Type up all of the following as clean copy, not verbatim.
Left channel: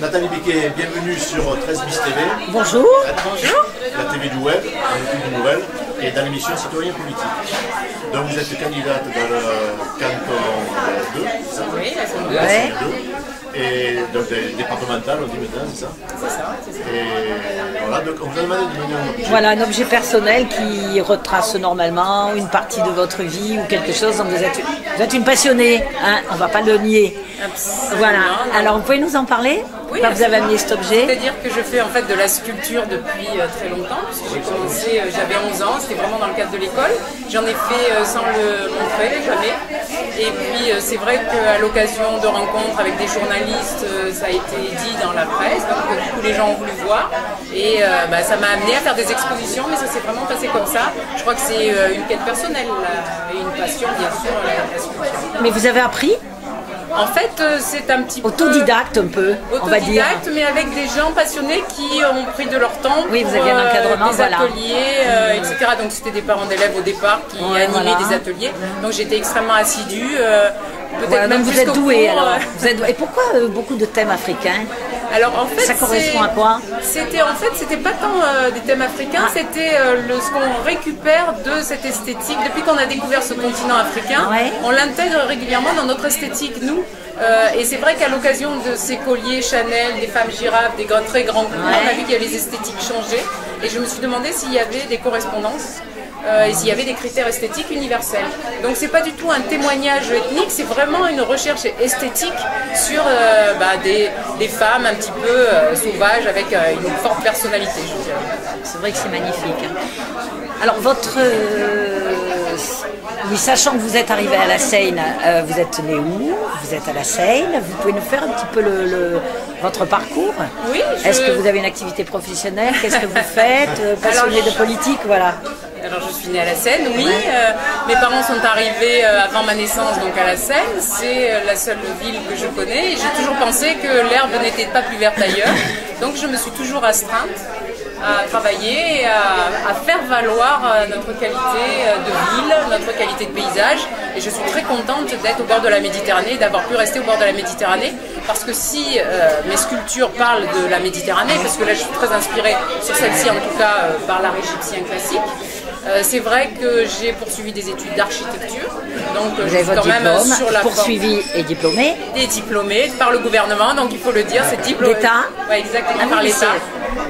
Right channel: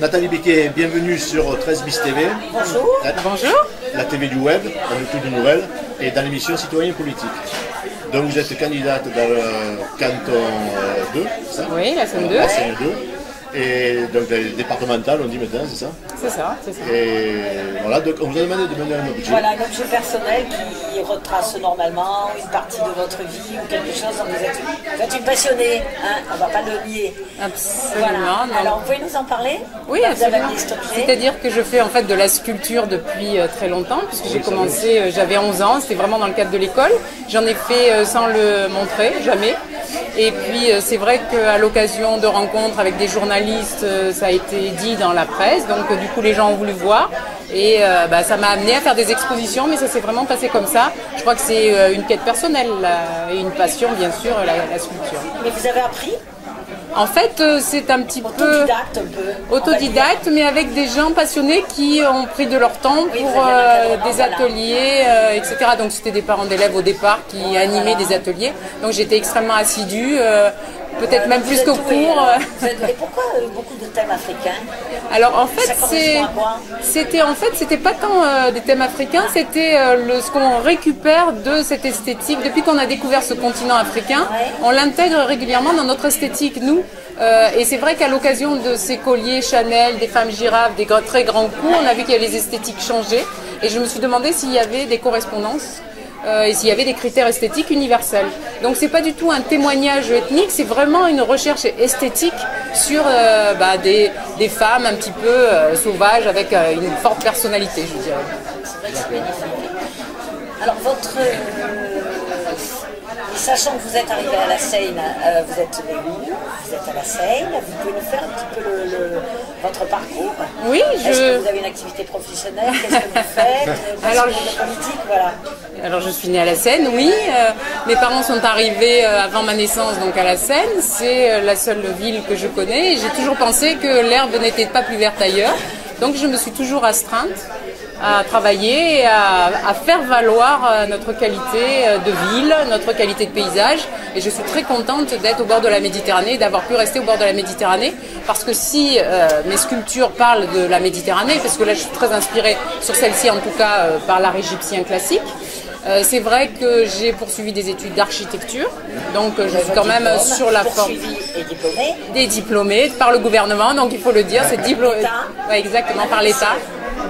Nathalie Becquet, bienvenue sur 13 bis TV. Bonjour. Bonjour. La TV du web, un outil de nouvelles, et dans l'émission Citoyen Politique. Donc vous êtes candidate dans le canton 2, c'est ça? Oui, la scène 2. La scène 2. Et donc départementale, on dit maintenant, c'est ça? C'est ça, c'est ça. Et voilà, donc on vous a demandé de mener un objet. Voilà, un objet personnel qui retrace normalement une partie de votre vie ou quelque chose. Donc vous êtes une passionnée, hein, on ne va pas le nier. Absolument. Voilà. Non. Alors vous pouvez nous en parler? Oui, vous avez amené cet objet. C'est-à-dire que je fais en fait de la sculpture depuis très longtemps, puisque j'ai commencé, j'avais 11 ans, c'était vraiment dans le cadre de l'école. J'en ai fait sans le montrer, jamais. Et puis c'est vrai qu'à l'occasion de rencontres avec des journalistes, ça a été dit dans la presse, donc du coup les gens ont voulu voir. Et ça m'a amené à faire des expositions, mais ça s'est vraiment passé comme ça. Je crois que c'est une quête personnelle et une passion, bien sûr, la sculpture. Mais vous avez appris? En fait, c'est un petit peu... Autodidacte un peu. Autodidacte, mais avec des gens passionnés qui ont pris de leur temps pour des ateliers, etc. Donc c'était des parents d'élèves au départ qui animaient des ateliers. Donc j'étais extrêmement assidue, peut-être même plus qu'au cours. Et pourquoi beaucoup de thèmes africains? Alors en fait, ça correspond à quoi? C'était pas tant des thèmes africains, c'était ce qu'on récupère de cette esthétique. Depuis qu'on a découvert ce continent africain, on l'intègre régulièrement dans notre esthétique, nous. Et c'est vrai qu'à l'occasion de ces colliers Chanel, des femmes girafes, des très grands coups, on a vu qu'il y avait les esthétiques changées. Et je me suis demandé s'il y avait des correspondances. Et s'il y avait des critères esthétiques universels. Donc c'est pas du tout un témoignage ethnique, c'est vraiment une recherche esthétique sur des femmes un petit peu sauvages avec une forte personnalité, je dirais. C'est vrai que c'est magnifique. Alors oui, sachant que vous êtes arrivé à la Seine, vous êtes né où? Vous êtes à la Seine, vous pouvez nous faire un petit peu votre parcours? Oui, Est-ce que vous avez une activité professionnelle? Qu'est-ce que vous faites? Passionné de politique, voilà. Alors je suis née à la Seine, oui. Mes parents sont arrivés avant ma naissance donc à la Seine. C'est la seule ville que je connais. Et j'ai toujours pensé que l'herbe n'était pas plus verte ailleurs. Donc je me suis toujours astreinte à travailler et à faire valoir notre qualité de ville, notre qualité de paysage. Et je suis très contente d'être au bord de la Méditerranée, d'avoir pu rester au bord de la Méditerranée. Parce que si mes sculptures parlent de la Méditerranée, parce que là je suis très inspirée sur celle-ci en tout cas par l'art égyptien classique, c'est vrai que j'ai poursuivi des études d'architecture, donc je suis quand même sur la forme. Poursuivi et diplômé. Des diplômés par le gouvernement, donc il faut le dire, c'est diplômé. L'État. Ouais, exactement, par l'État.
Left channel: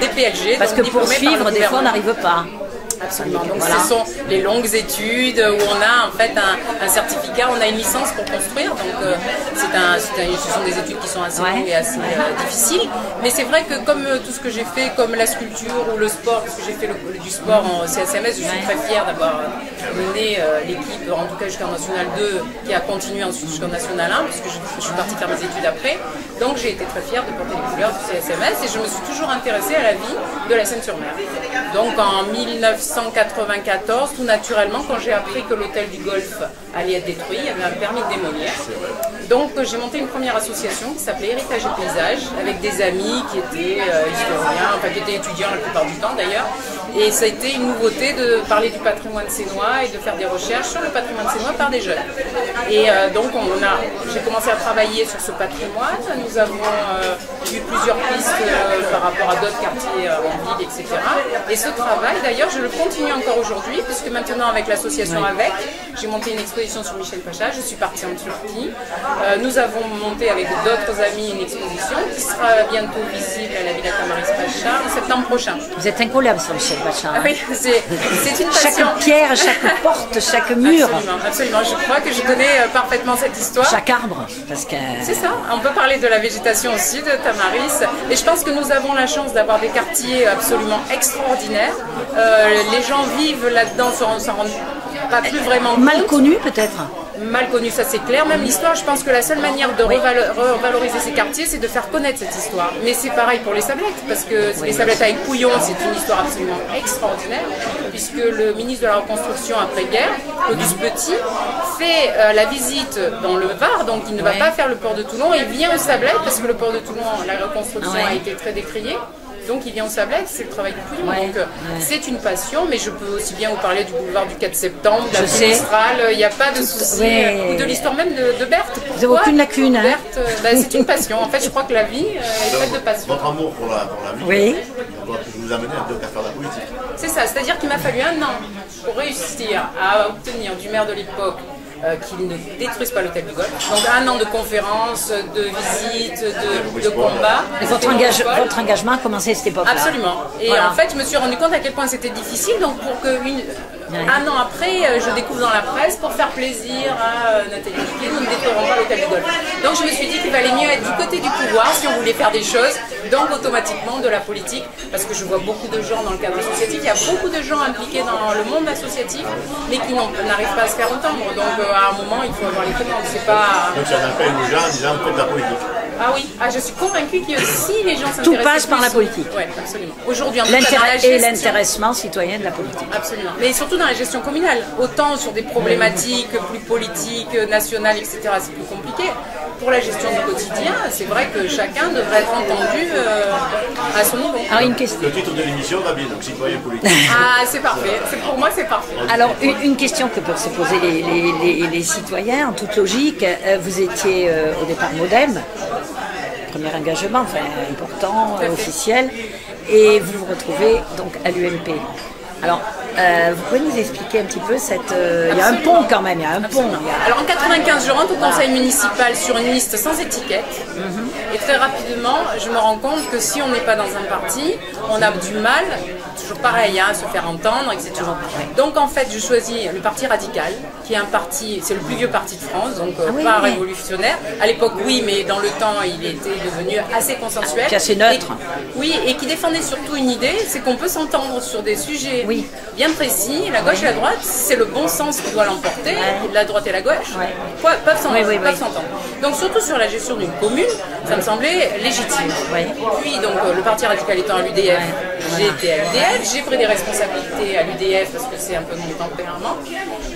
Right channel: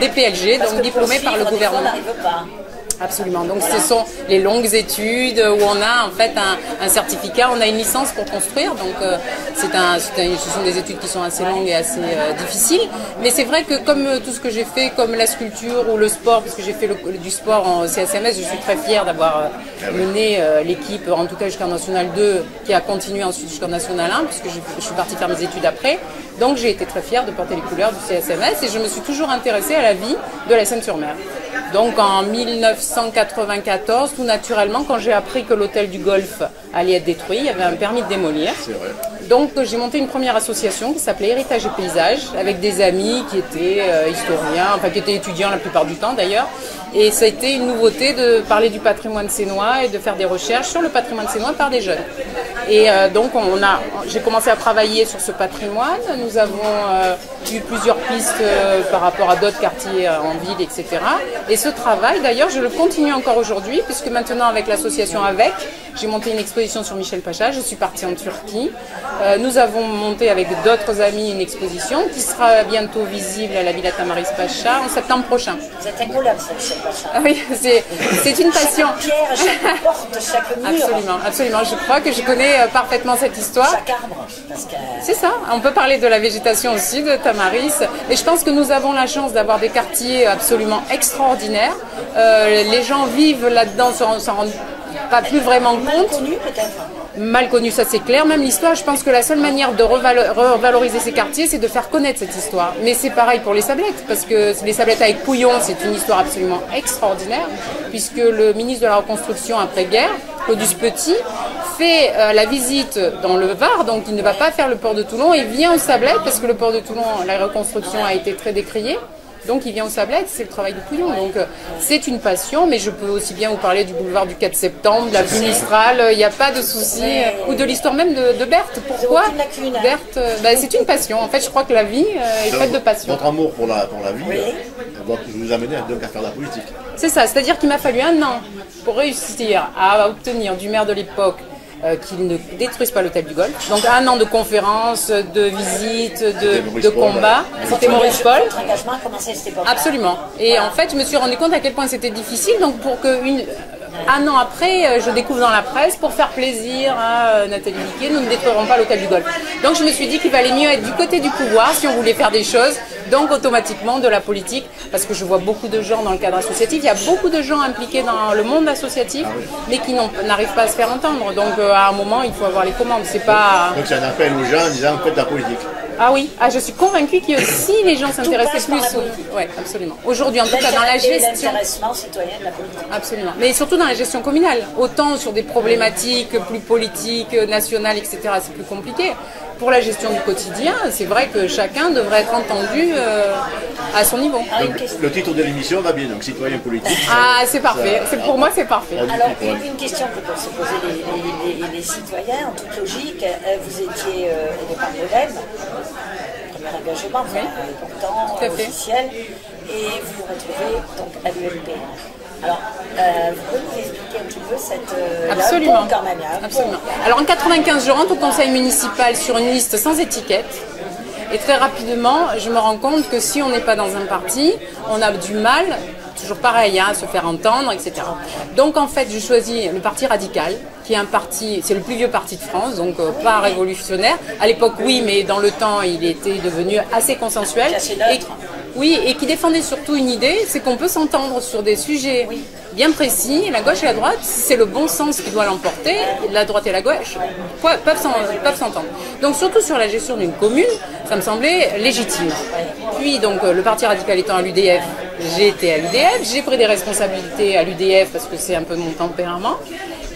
Des PLG, donc diplômés par le gouvernement. On n'arrive pas. Absolument. Donc ce sont les longues études où on a en fait un certificat, on a une licence pour construire. Donc ce sont des études qui sont assez longues et assez difficiles. Mais c'est vrai que comme tout ce que j'ai fait, comme la sculpture ou le sport, parce que j'ai fait du sport en CSMS, je suis très fière d'avoir mené l'équipe, en tout cas jusqu'en National 2, qui a continué ensuite jusqu'en National 1, puisque je suis partie faire mes études après. Donc j'ai été très fière de porter les couleurs du CSMS et je me suis toujours intéressée à la vie de la Seine-sur-Mer. Donc en 1994, tout naturellement, quand j'ai appris que l'hôtel du Golfe allait être détruit, il y avait un permis de démolir. Donc j'ai monté une première association qui s'appelait Héritage et Paysage, avec des amis qui étaient historiens, enfin qui étaient étudiants la plupart du temps d'ailleurs. Et ça a été une nouveauté de parler du patrimoine sénois et de faire des recherches sur le patrimoine sénois par des jeunes. Et donc j'ai commencé à travailler sur ce patrimoine. Nous avons eu plusieurs pistes par rapport à d'autres quartiers en ville, etc. Et ce travail, d'ailleurs, je le continue encore aujourd'hui, puisque maintenant, avec l'association AVEC, j'ai monté une exposition sur Michel Pacha. Je suis partie en Turquie. Nous avons monté avec d'autres amis une exposition qui sera bientôt visible à la Villa Tamaris Pacha en septembre prochain. Vous êtes incollable sur Michel Pacha. Ah oui, c'est une passion. Chaque pierre, chaque porte, chaque mur. Absolument, absolument. Je crois que je connais parfaitement cette histoire. Chaque arbre. C'est ça. On peut parler de la végétation aussi, de Tamaris. Et je pense que nous avons la chance d'avoir des quartiers absolument extraordinaires. Les gens vivent là-dedans, s'en rendent pas plus vraiment compte. Mal connu peut-être. Mal connu, ça c'est clair. Même l'histoire, je pense que la seule manière de revaloriser ces quartiers, c'est de faire connaître cette histoire. Mais c'est pareil pour les Sablettes, parce que les Sablettes avec Pouillon, c'est une histoire absolument extraordinaire, puisque le ministre de la Reconstruction après-guerre, Claudius Petit, fait la visite dans le Var, donc il ne va pas faire le port de Toulon, il vient aux Sablettes, parce que le port de Toulon, la reconstruction a été très décriée. Donc il vient au Sablette, c'est le travail de Pouillon. Donc c'est une passion, mais je peux aussi bien vous parler du boulevard du 4 septembre, de la vie Mistral, il n'y a pas de souci. Ou de l'histoire même de Berthe. Pourquoi aucune lacune, hein. Berthe, c'est une passion. En fait, je crois que la vie est faite de passion. Votre amour pour la vie doit vous amener donc à faire de la politique. C'est ça, c'est-à-dire qu'il m'a fallu 1 an pour réussir à obtenir du maire de l'époque qu'il ne détruise pas l'hôtel du Golfe. Donc 1 an de conférences, de visites, de combats. C'était Maurice Paul. Votre engagement a commencé à cette époque. Absolument. Et en fait, je me suis rendu compte à quel point c'était difficile. Donc pour que 1 an après, je découvre dans la presse, pour faire plaisir à Nathalie Diquet, nous ne détruirons pas l'hôtel du Golfe. Donc je me suis dit qu'il valait mieux être du côté du pouvoir si on voulait faire des choses, donc automatiquement de la politique, parce que je vois beaucoup de gens dans le cadre associatif, il y a beaucoup de gens impliqués dans le monde associatif, mais qui n'arrivent pas à se faire entendre. Donc à un moment, il faut avoir les commandes. C'est pas... Donc c'est un appel aux gens en disant faites de la politique. Ah oui, je suis convaincue que si les gens s'intéressaient plus à la politique. Oui, absolument. Aujourd'hui, en tout cas, dans la gestion... l'intéressement citoyen de la politique. Absolument. Mais surtout dans la gestion communale. Autant sur des problématiques plus politiques, nationales, etc., c'est plus compliqué. Pour la gestion du quotidien, c'est vrai que chacun devrait être entendu à son niveau. Alors, le titre de l'émission va bien, donc citoyen politique. Ah, c'est parfait. Pour moi, c'est parfait. Alors, une question que peuvent se poser les citoyens, en toute logique. Vous étiez au départ Modem, premier engagement, important, officiel, et vous vous retrouvez donc à l'UMP. Alors, vous pouvez nous expliquer un petit peu cette... Absolument. Il y a un pont quand même. Absolument. Alors en 95, je rentre au conseil municipal sur une liste sans étiquette. Et très rapidement, je me rends compte que si on n'est pas dans un parti, on a du mal, toujours pareil, à se faire entendre, etc. Donc en fait, je choisis le Parti Radical, qui est un parti, c'est le plus vieux parti de France, donc pas révolutionnaire. À l'époque, oui, mais dans le temps, il était devenu assez consensuel. Assez neutre. Et qui défendait surtout une idée, c'est qu'on peut s'entendre sur des sujets bien précis. La gauche et la droite, c'est le bon sens qui doit l'emporter. La droite et la gauche peuvent s'entendre. Donc surtout sur la gestion d'une commune, ça me semblait légitime. Puis donc le Parti Radical étant à l'UDF, j'ai été à l'UDF, j'ai pris des responsabilités à l'UDF parce que c'est un peu mon tempérament.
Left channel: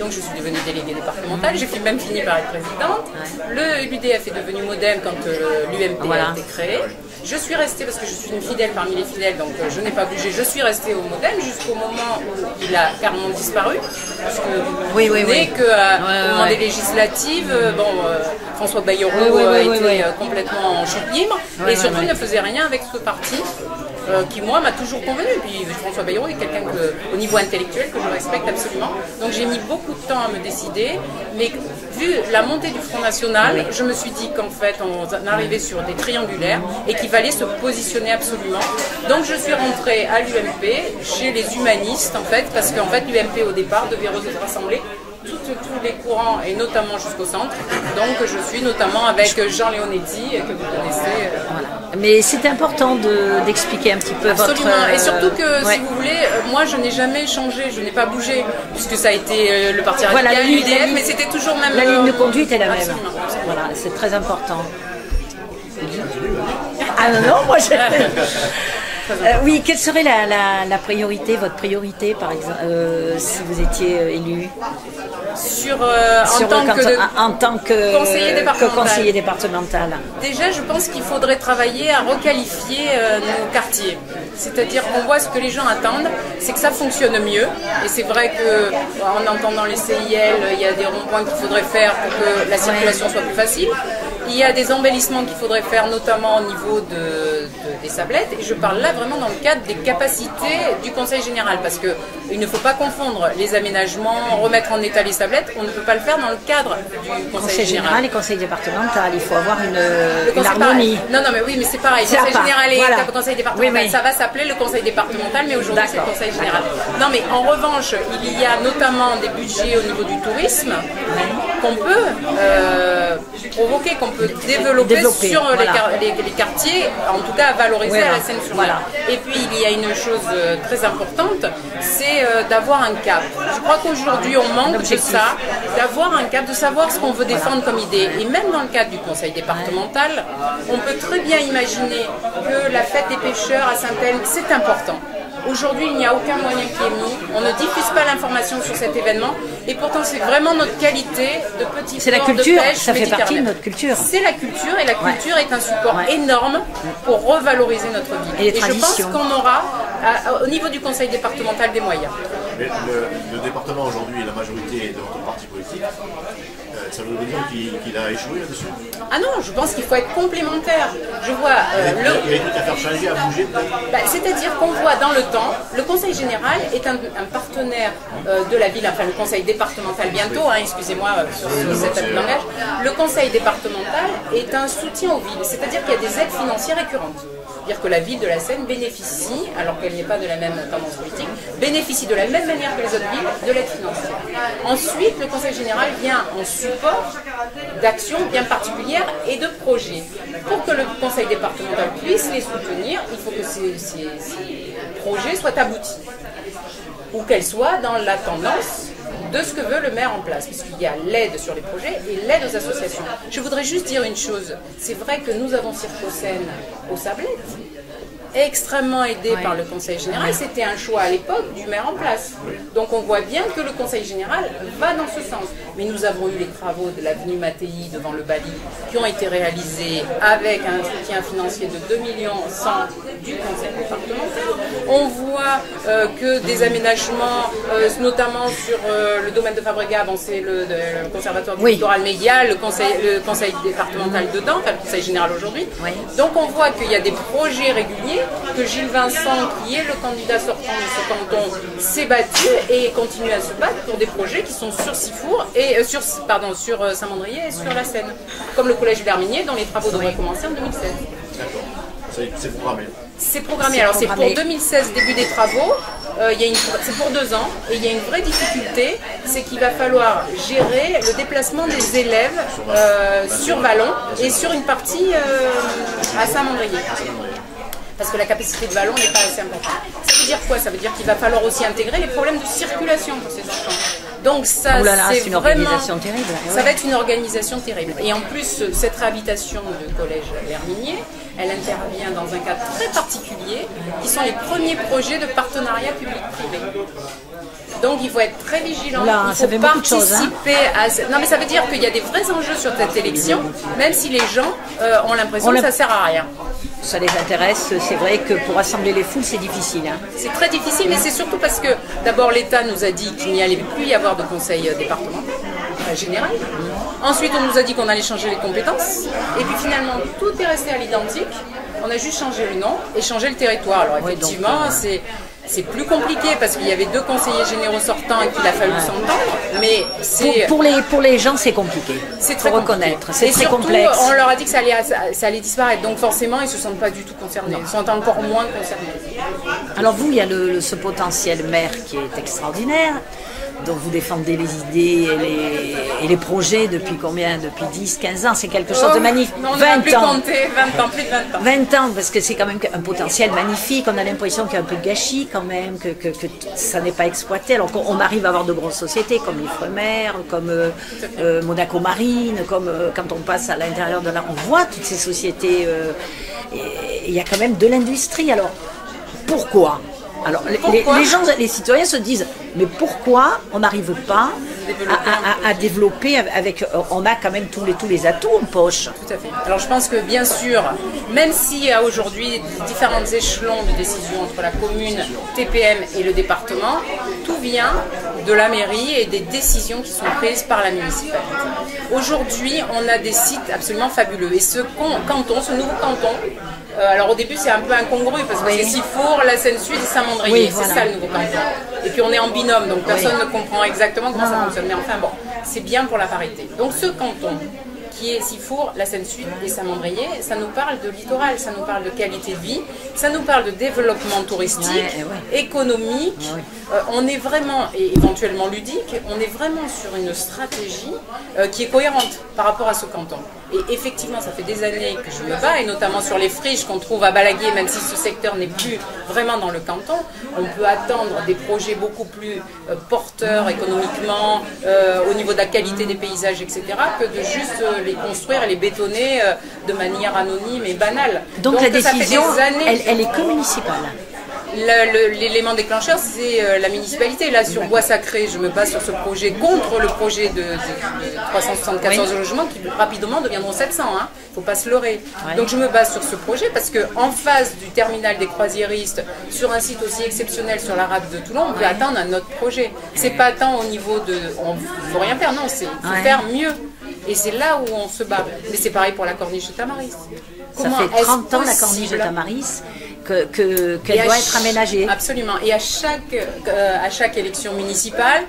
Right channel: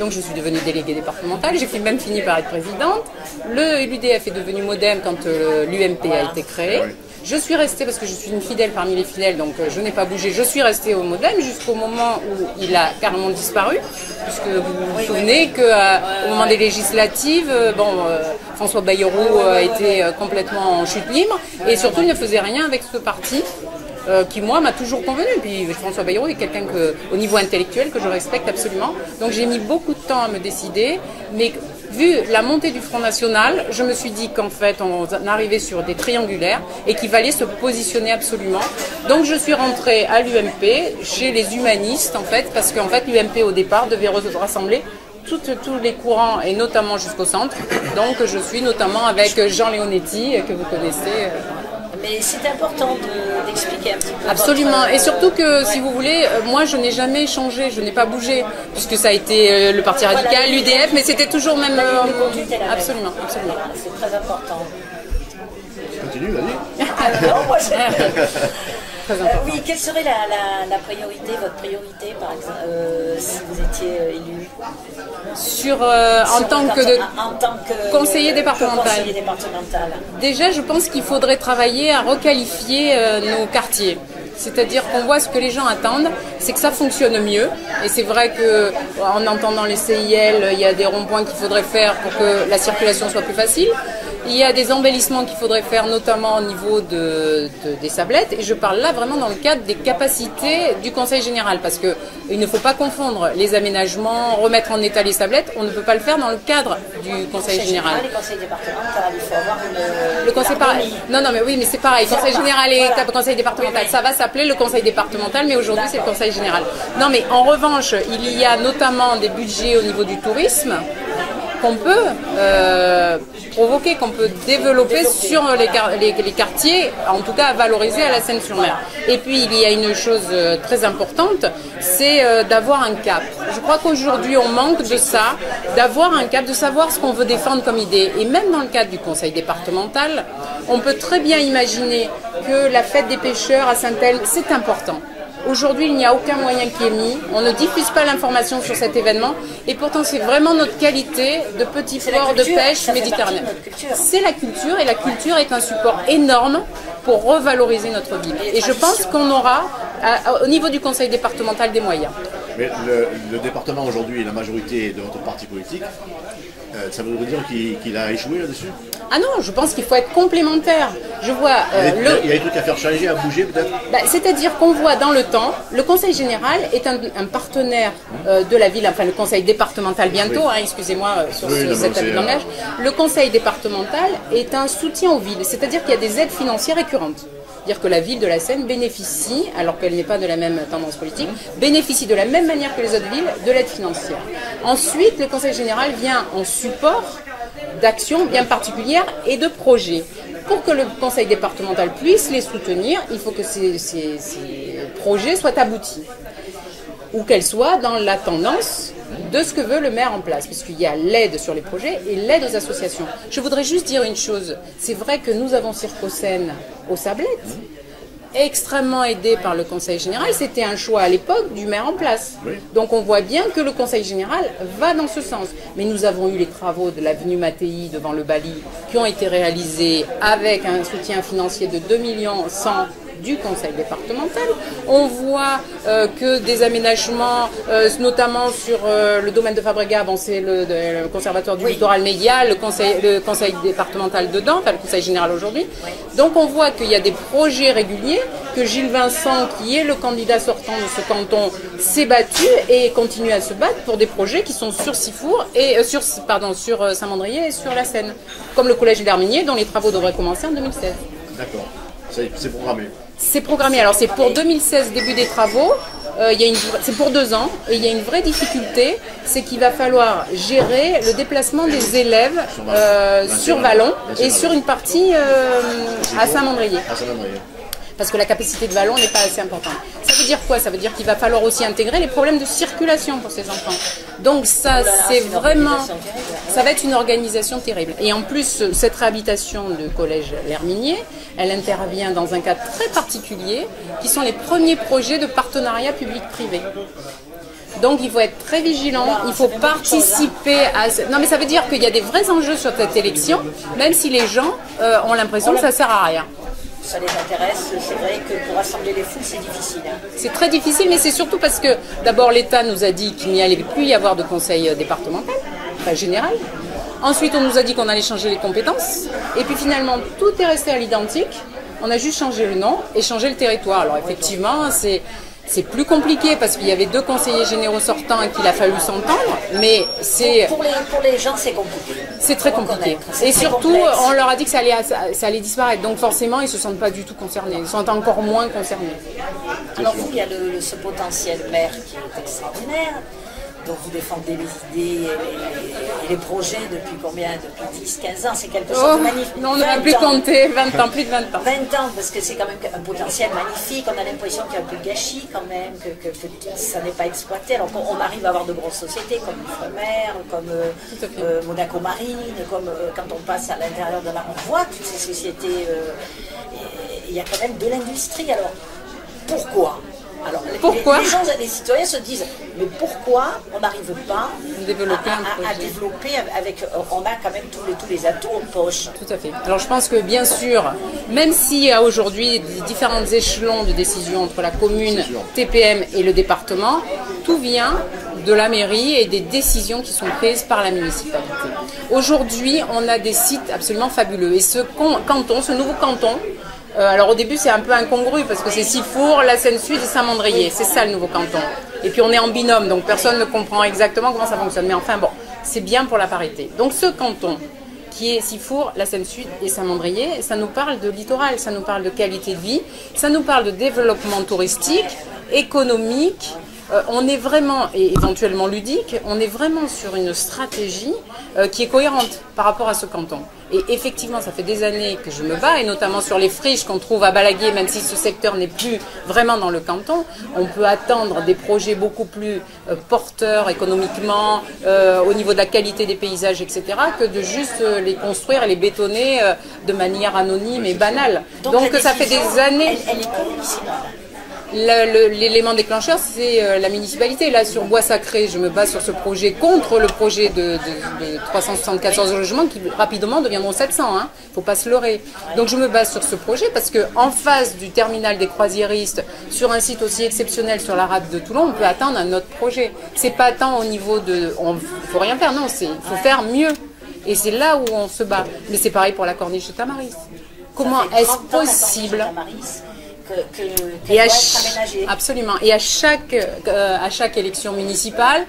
Donc je suis devenue déléguée départementale, j'ai même fini par être présidente. L'UDF est devenu Modem quand l'UMP a été créé. Je suis restée, parce que je suis une fidèle parmi les fidèles, donc je n'ai pas bougé, je suis restée au Modem jusqu'au moment où il a carrément disparu, puisque vous vous souvenez qu'au moment des législatives, François Bayrou était complètement en chute libre, et surtout il ne faisait rien avec ce parti. Qui moi m'a toujours convenu. Puis François Bayrou est quelqu'un au niveau intellectuel que je respecte absolument. Donc j'ai mis beaucoup de temps à me décider, mais vu la montée du Front National, je me suis dit qu'en fait on arrivait sur des triangulaires et qu'il fallait se positionner absolument. Donc je suis rentrée à l'UMP chez les humanistes en fait, parce qu'en fait l'UMP au départ devait rassembler tous les courants et notamment jusqu'au centre. Donc je suis notamment avec Jean Leonetti que vous connaissez. Mais c'est important d'expliquer un petit peu. Absolument. Et surtout que, si vous voulez, moi je n'ai jamais changé, je n'ai pas bougé, puisque ça a été le Parti Radical, l'UDF, mais c'était toujours même... La ligne de conduite est la même. Absolument. Voilà, c'est très important. Continue, vas-y. Ah non, moi oui, quelle serait la priorité, votre priorité, par exemple, si vous étiez élu en tant que conseiller départemental. Déjà, je pense qu'il faudrait travailler à requalifier nos quartiers. C'est-à-dire qu'on voit ce que les gens attendent, c'est que ça fonctionne mieux. Et c'est vrai qu'en entendant les CIL, il y a des ronds-points qu'il faudrait faire pour que la circulation soit plus facile. Il y a des embellissements qu'il faudrait faire, notamment au niveau des sablettes. Et je parle là vraiment dans le cadre des capacités du Conseil général. Parce qu'il ne faut pas confondre les aménagements, remettre en état les sablettes. On ne peut pas le faire dans le cadre du Conseil général. Les conseils départementaux, il faut avoir une harmonie. Non, mais oui, mais c'est pareil. Conseil général et conseil départemental, ça va s'appeler le Conseil départemental, mais aujourd'hui c'est le Conseil général. Non, mais en revanche, il y a notamment des budgets au niveau du tourisme qu'on peut provoquer, qu'on peut développer sur les quartiers, en tout cas à valoriser à la Seine-sur-Mer. Et puis il y a une chose très importante, c'est d'avoir un cap. Je crois qu'aujourd'hui on manque de ça, d'avoir un cap, de savoir ce qu'on veut défendre comme idée. Et même dans le cadre du conseil départemental, on peut très bien imaginer que la fête des pêcheurs à Saint-Elme, c'est important. Aujourd'hui, il n'y a aucun moyen qui est mis. On ne diffuse pas l'information sur cet événement. Et pourtant, c'est vraiment notre qualité de petit port de pêche méditerranéen. C'est la culture, et la culture est un support énorme pour revaloriser notre ville. Et je pense qu'on aura, au niveau du conseil départemental, des moyens. Mais le département aujourd'hui, la majorité de votre parti politique, ça veut dire qu'il a échoué là-dessus? Ah non, je pense qu'il faut être complémentaire. Je vois. Il y a des trucs à faire changer, à bouger peut-être? C'est-à-dire qu'on voit dans le temps, le conseil général est un partenaire de la ville, enfin le conseil départemental bientôt, excusez-moi sur cet abus de langage. Le conseil départemental est un soutien aux villes, c'est-à-dire qu'il y a des aides financières récurrentes. C'est-à-dire que la ville de la Seine bénéficie, alors qu'elle n'est pas de la même tendance politique, bénéficie de la même manière que les autres villes de l'aide financière. Ensuite, le conseil général vient en support d'actions bien particulières et de projets. Pour que le conseil départemental puisse les soutenir, il faut que ces projets soient aboutis, ou qu'elles soient dans la tendance de ce que veut le maire en place, puisqu'il y a l'aide sur les projets et l'aide aux associations. Je voudrais juste dire une chose, c'est vrai que nous avons Circocène aux Sablettes, extrêmement aidé par le conseil général, c'était un choix à l'époque du maire en place. Donc on voit bien que le conseil général va dans ce sens. Mais nous avons eu les travaux de l'avenue Mattei devant le Bali qui ont été réalisés avec un soutien financier de 2,1 millions du conseil départemental. On voit que des aménagements, notamment sur le domaine de Fabregat, c'est le conservatoire du littoral médial, le conseil départemental dedans, enfin le conseil général aujourd'hui. Donc on voit qu'il y a des projets réguliers, que Gilles Vincent, qui est le candidat sortant de ce canton, s'est battu et continue à se battre pour des projets qui sont sur Sifour et sur Saint-Mandrier et sur la Seine, comme le collège d'Herminier, dont les travaux devraient commencer en 2016. D'accord, c'est programmé. C'est programmé, alors c'est pour 2016, début des travaux, c'est pour 2 ans, et il y a une vraie difficulté, c'est qu'il va falloir gérer le déplacement des élèves sur Vallon et sur une partie à Saint-Mandrier. Parce que la capacité de Vallon n'est pas assez importante. Ça veut dire quoi? Ça veut dire qu'il va falloir aussi intégrer les problèmes de circulation pour ces enfants. Donc ça, c'est vraiment... Ça va être une organisation terrible. Et en plus, cette réhabilitation du collège L'Herminier, elle intervient dans un cadre très particulier, qui sont les premiers projets de partenariat public-privé. Donc il faut être très vigilant, il faut participer à... Non mais ça veut dire qu'il y a des vrais enjeux sur cette élection, même si les gens ont l'impression que ça ne sert à rien. Ça les intéresse, c'est vrai que pour rassembler les foules, c'est difficile. C'est très difficile, mais c'est surtout parce que d'abord l'État nous a dit qu'il n'y allait plus y avoir de conseil départemental, enfin général. Ensuite, on nous a dit qu'on allait changer les compétences. Et puis finalement, tout est resté à l'identique. On a juste changé le nom et changé le territoire. Alors effectivement, c'est plus compliqué parce qu'il y avait 2 conseillers généraux sortants et qu'il a fallu s'entendre, mais c'est... Pour les gens, c'est compliqué. C'est très compliqué. Et surtout, on leur a dit que ça allait disparaître, donc forcément, ils ne se sentent pas du tout concernés, ils sont encore moins concernés. Alors vous, il y a ce potentiel maire qui est extraordinaire, dont vous défendez les idées et les projets depuis combien? Depuis 10, 15 ans, c'est quelque chose de magnifique. Non, on n'a plus compté, 20 ans, plus de 20 ans. 20 ans, parce que c'est quand même un potentiel magnifique, on a l'impression qu'il y a un peu de gâchis quand même, que ça n'est pas exploité, alors qu'on arrive à avoir de grosses sociétés comme l'Ifremer, comme Monaco Marine, comme quand on passe à l'intérieur de là, on voit toutes ces sociétés, et il y a quand même de l'industrie, alors pourquoi? Alors, les citoyens se disent, mais pourquoi on n'arrive pas à développer avec... On a quand même tous les atouts en poche. Tout à fait. Alors je pense que bien sûr, même s'il y a aujourd'hui différents échelons de décision entre la commune, TPM et le département, tout vient de la mairie et des décisions qui sont prises par la municipalité. Aujourd'hui, on a des sites absolument fabuleux. Et ce nouveau canton, alors au début c'est un peu incongru parce que c'est Sifour, la Seine-Sud et Saint-Mandrier, c'est ça le nouveau canton. Et puis on est en binôme, donc personne ne comprend exactement comment ça fonctionne. Mais enfin bon, c'est bien pour la parité. Donc ce canton qui est Sifour, la Seine-Sud et Saint-Mandrier, ça nous parle de littoral, ça nous parle de qualité de vie, ça nous parle de développement touristique, économique. On est vraiment, et éventuellement ludique, on est vraiment sur une stratégie qui est cohérente par rapport à ce canton. Et effectivement, ça fait des années que je me bats, et notamment sur les friches qu'on trouve à Balaguier, même si ce secteur n'est plus vraiment dans le canton, on peut attendre des projets beaucoup plus porteurs économiquement, au niveau de la qualité des paysages, etc., que de juste les construire et les bétonner de manière anonyme et banale. Donc ça fait des années... Elle est que municipale. l'élément déclencheur, c'est la municipalité. Là, sur Bois Sacré, je me base sur ce projet contre le projet de 374 logements qui rapidement deviendront 700. Hein. Faut pas se leurrer. Donc, je me base sur ce projet parce que en face du terminal des croisiéristes, sur un site aussi exceptionnel sur la rade de Toulon, on peut attendre un autre projet. C'est pas tant au niveau de, on faut rien faire, non, il faut faire mieux. Et c'est là où on se bat. Mais c'est pareil pour la corniche de Tamaris. Comment est-ce possible qu'elle doit être aménagée? Absolument. Et à chaque élection municipale,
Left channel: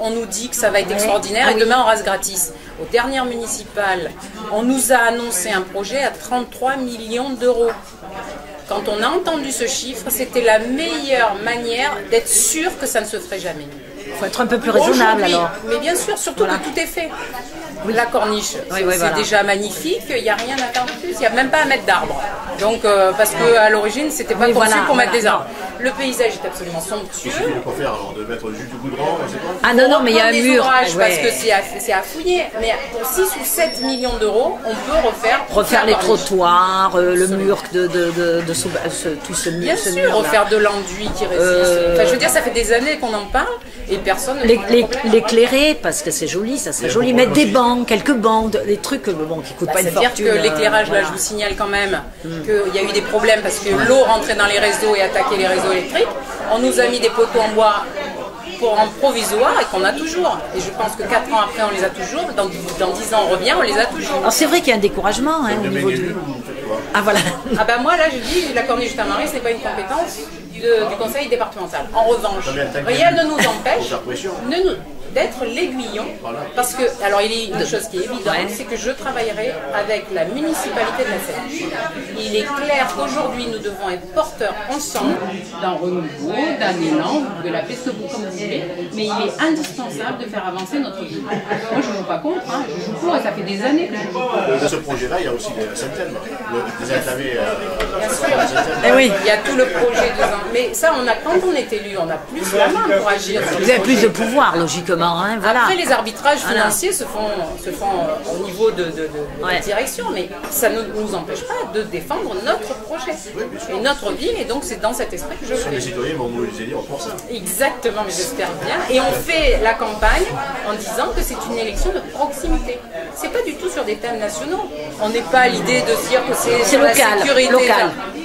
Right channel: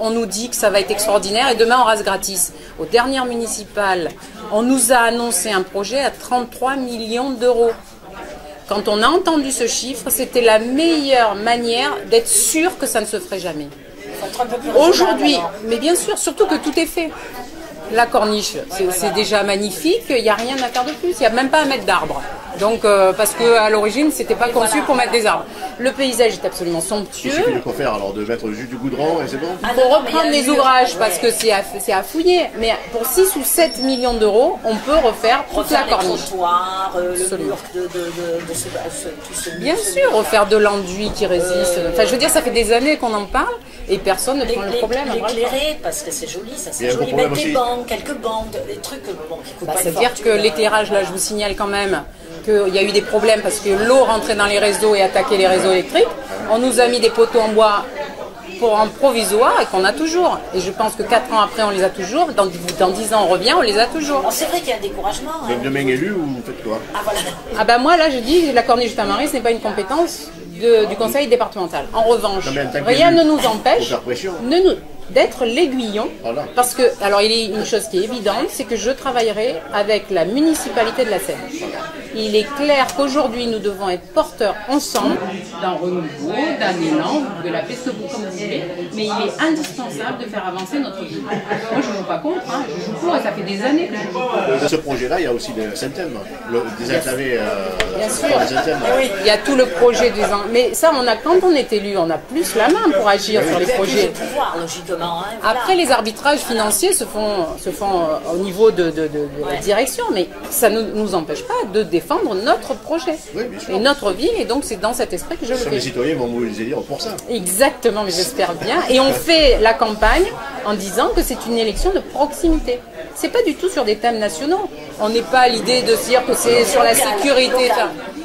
on nous dit que ça va être extraordinaire et demain on rase gratis. Aux dernières municipales, on nous a annoncé un projet à 33 millions d'euros. Quand on a entendu ce chiffre, c'était la meilleure manière d'être sûr que ça ne se ferait jamais. Il faut être un peu plus raisonnable. Aujourd'hui, mais bien sûr, surtout que tout est fait. La corniche, c'est déjà magnifique, il n'y a rien à faire de plus, il n'y a même pas à mettre d'arbres. Donc, parce qu'à l'origine, c'était pas conçu pour mettre des arbres. Le paysage est absolument somptueux. Il suffit de quoi faire alors, de mettre juste du goudron et c'est bon. Ah non, mais il y a des ouvrages parce que c'est à fouiller. Mais pour 6 ou 7 millions d'euros, on peut refaire les trottoirs, le mur tout ce mur. Bien sûr, refaire de l'enduit qui résiste. Enfin, je veux dire, ça fait des années qu'on en parle et personne ne prend le problème. L'éclairer, parce que c'est joli, ça c'est joli. Mettre des bandes, quelques bandes, des trucs qui coûtent pas une fortune. C'est-à-dire que l'éclairage, là, je vous signale quand même qu'il y a eu des problèmes parce que l'eau rentrait dans les réseaux et attaquait les réseaux électriques. On nous a mis des poteaux en bois pour un provisoire et qu'on a toujours. Et je pense que 4 ans après, on les a toujours. Dans 10 ans, on revient, on les a toujours. C'est vrai qu'il y a un découragement. Vous êtes bien élu ou vous faites quoi? Ah voilà. Ah ben moi, là, je dis, la corniche de Tamaris n'est pas une compétence du conseil départemental. En revanche, rien ne nous empêche d'être l'aiguillon, parce que, alors il y a une chose qui est évidente, c'est que je travaillerai avec la municipalité de la Seine. Il est clair qu'aujourd'hui nous devons être porteurs ensemble d'un renouveau, d'un élan, de la peste comme vous voulez, mais il est indispensable de faire avancer notre ville. Moi je ne joue pas contre, hein, je joue pour et ça fait des années que je joue pour. Dans ce projet-là, il y a aussi des Saint-Elme, des enclavés Bien sûr. Oui, il y a tout le projet des ans. Mais ça, quand on est élu, on a plus la main pour agir sur les projets. Plus de pouvoir, logiquement. Hein, voilà. Après, les arbitrages financiers se font au niveau de la direction, mais ça ne nous empêche pas de défendre notre projet et notre ville, et donc c'est dans cet esprit que je le fais. Les citoyens vont mobiliser pour ça. Exactement, mais j'espère bien. Et on fait la campagne en disant que c'est une élection de proximité. C'est pas du tout sur des thèmes nationaux. On n'est pas à l'idée de dire que c'est sur la sécurité.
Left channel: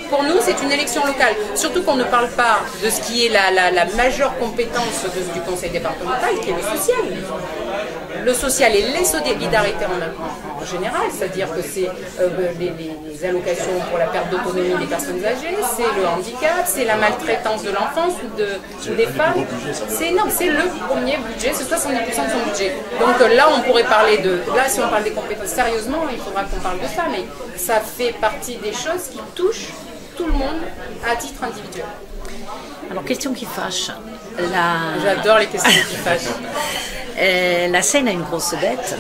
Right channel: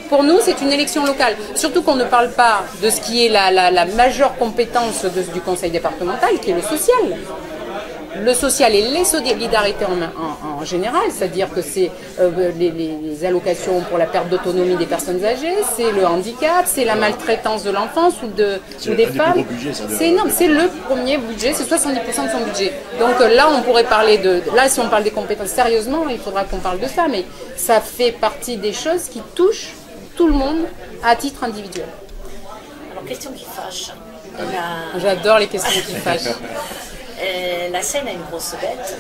Pour nous, c'est une élection locale. Surtout qu'on ne parle pas de ce qui est la majeure compétence du conseil départemental, qui est le social. Le social et les solidarités en général, c'est-à-dire que c'est les allocations pour la perte d'autonomie des personnes âgées, c'est le handicap, c'est la maltraitance de l'enfance ou des femmes. C'est le premier budget, c'est 70% de son budget. Donc là, on pourrait parler là, si on parle des compétences sérieusement, il faudra qu'on parle de ça, mais ça fait partie des choses qui touchent tout le monde à titre individuel. Alors, question qui fâche. J'adore les questions qui fâchent. La Seine a une grosse dette,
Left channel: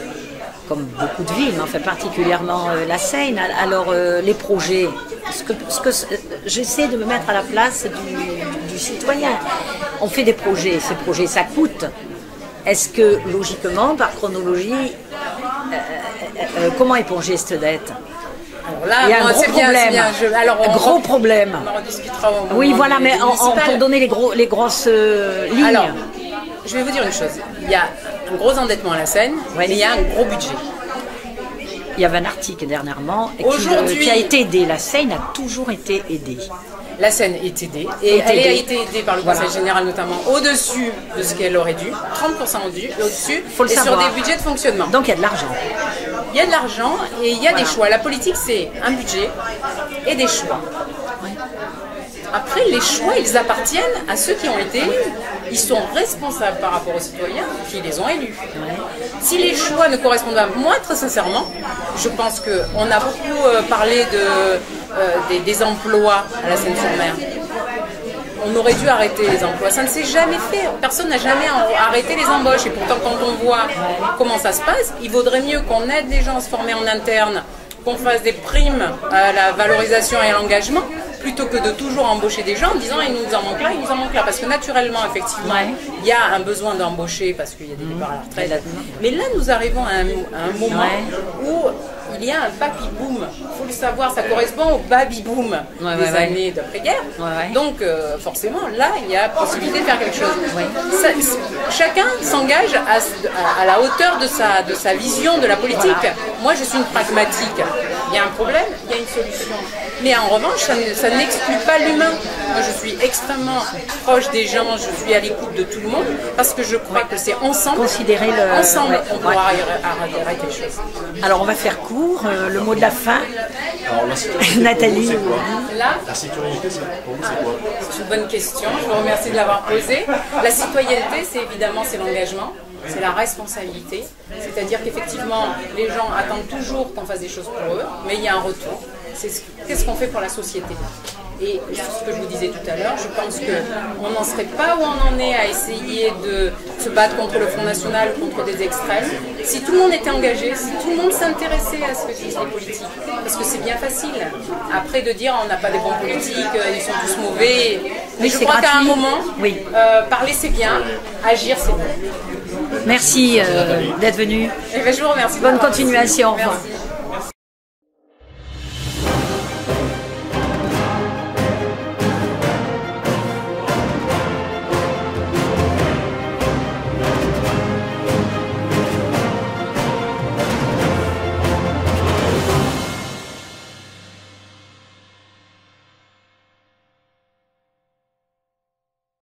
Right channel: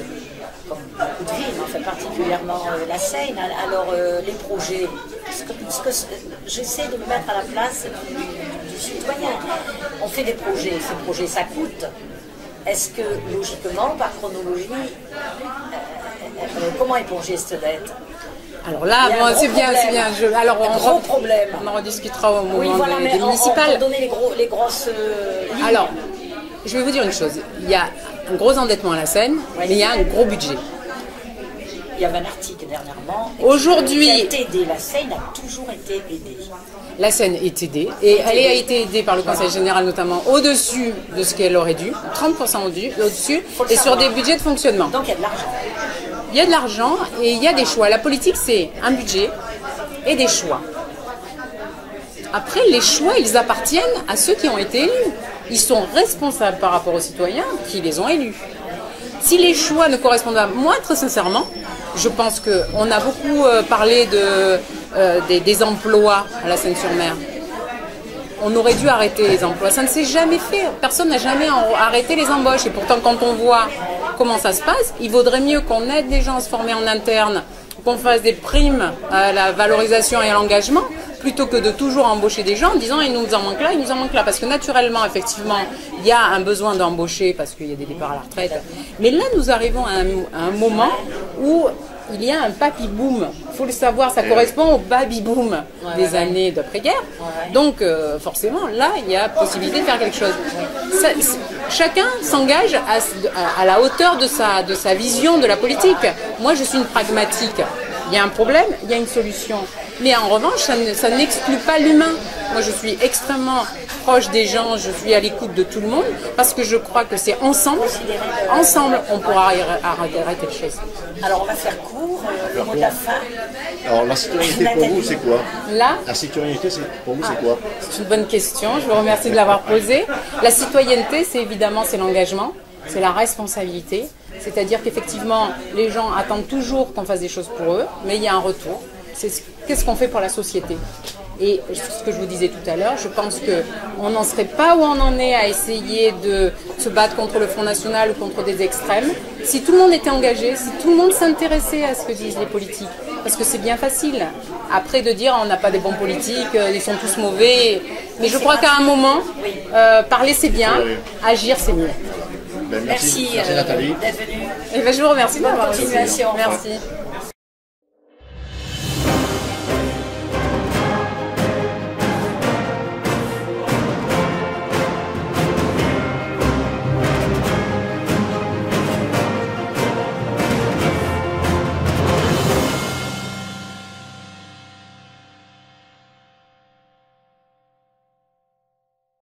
comme beaucoup de villes, enfin particulièrement la Seine. Alors les projets, j'essaie de me mettre à la place du citoyen. On fait des projets, ces projets ça coûte. Est-ce que logiquement, par chronologie, comment éponger cette dette? Alors là, c'est bien. Alors, gros problème. On en rediscutera au moment mais on peut donner les grosses lignes. Alors, je vais vous dire une chose. Il y a un gros endettement à la Seine, mais il y a un gros budget. Il y avait un article dernièrement aujourd'hui qui a été aidé. La Seine a toujours été aidée. La Seine est aidée et elle a été aidée par le Conseil général notamment au-dessus de ce qu'elle aurait dû, 30% au-dessus, et sur des budgets de fonctionnement. Donc il y a de l'argent. Il y a de l'argent et il y a des choix. La politique, c'est un budget et des choix. Après, les choix, ils appartiennent à ceux qui ont été élus. Ils sont responsables par rapport aux citoyens qui les ont élus. Si les choix ne correspondent pas, moi, très sincèrement, je pense qu'on a beaucoup parlé des emplois à la Seine-sur-Mer. On aurait dû arrêter les emplois. Ça ne s'est jamais fait. Personne n'a jamais arrêté les embauches. Et pourtant, quand on voit comment ça se passe, il vaudrait mieux qu'on aide les gens à se former en interne, qu'on fasse des primes à la valorisation et à l'engagement, plutôt que de toujours embaucher des gens en disant il nous en manque là, il nous en manque là. Parce que naturellement, effectivement, il y a un besoin d'embaucher parce qu'il y a des départs à la retraite. Mais là, nous arrivons à un moment où il y a un papy boom. Il faut le savoir, ça correspond au baby boom des années d'après-guerre. Donc forcément, là, il y a possibilité de faire quelque chose. Chacun s'engage à la hauteur de sa vision de la politique. Moi, je suis une pragmatique. Il y a un problème, il y a une solution. Mais en revanche, ça n'exclut pas l'humain. Moi, je suis extrêmement proche des gens, je suis à l'écoute de tout le monde, parce que je crois que c'est ensemble, on pourra arrêter les choses. Alors, on va faire court, le mot de la fin. Alors, la citoyenneté pour vous, c'est quoi? Là, la citoyenneté, pour vous, c'est quoi? C'est une bonne question, je vous remercie de l'avoir posée. La citoyenneté, c'est l'engagement, c'est la responsabilité. C'est-à-dire qu'effectivement, les gens attendent toujours qu'on fasse des choses pour eux, mais il y a un retour. Qu'est-ce qu'on fait pour la société? Et ce que je vous disais tout à l'heure, je pense qu'on n'en serait pas où on en est à essayer de se battre contre le Front National ou contre des extrêmes, si tout le monde était engagé, si tout le monde s'intéressait à ce que disent les politiques. Parce que c'est bien facile, après de dire on n'a pas des bons politiques, ils sont tous mauvais. Mais je crois qu'à un moment, parler c'est bien, agir c'est mieux. Merci, d'être venu. Je vous remercie. Bonne continuation. Merci.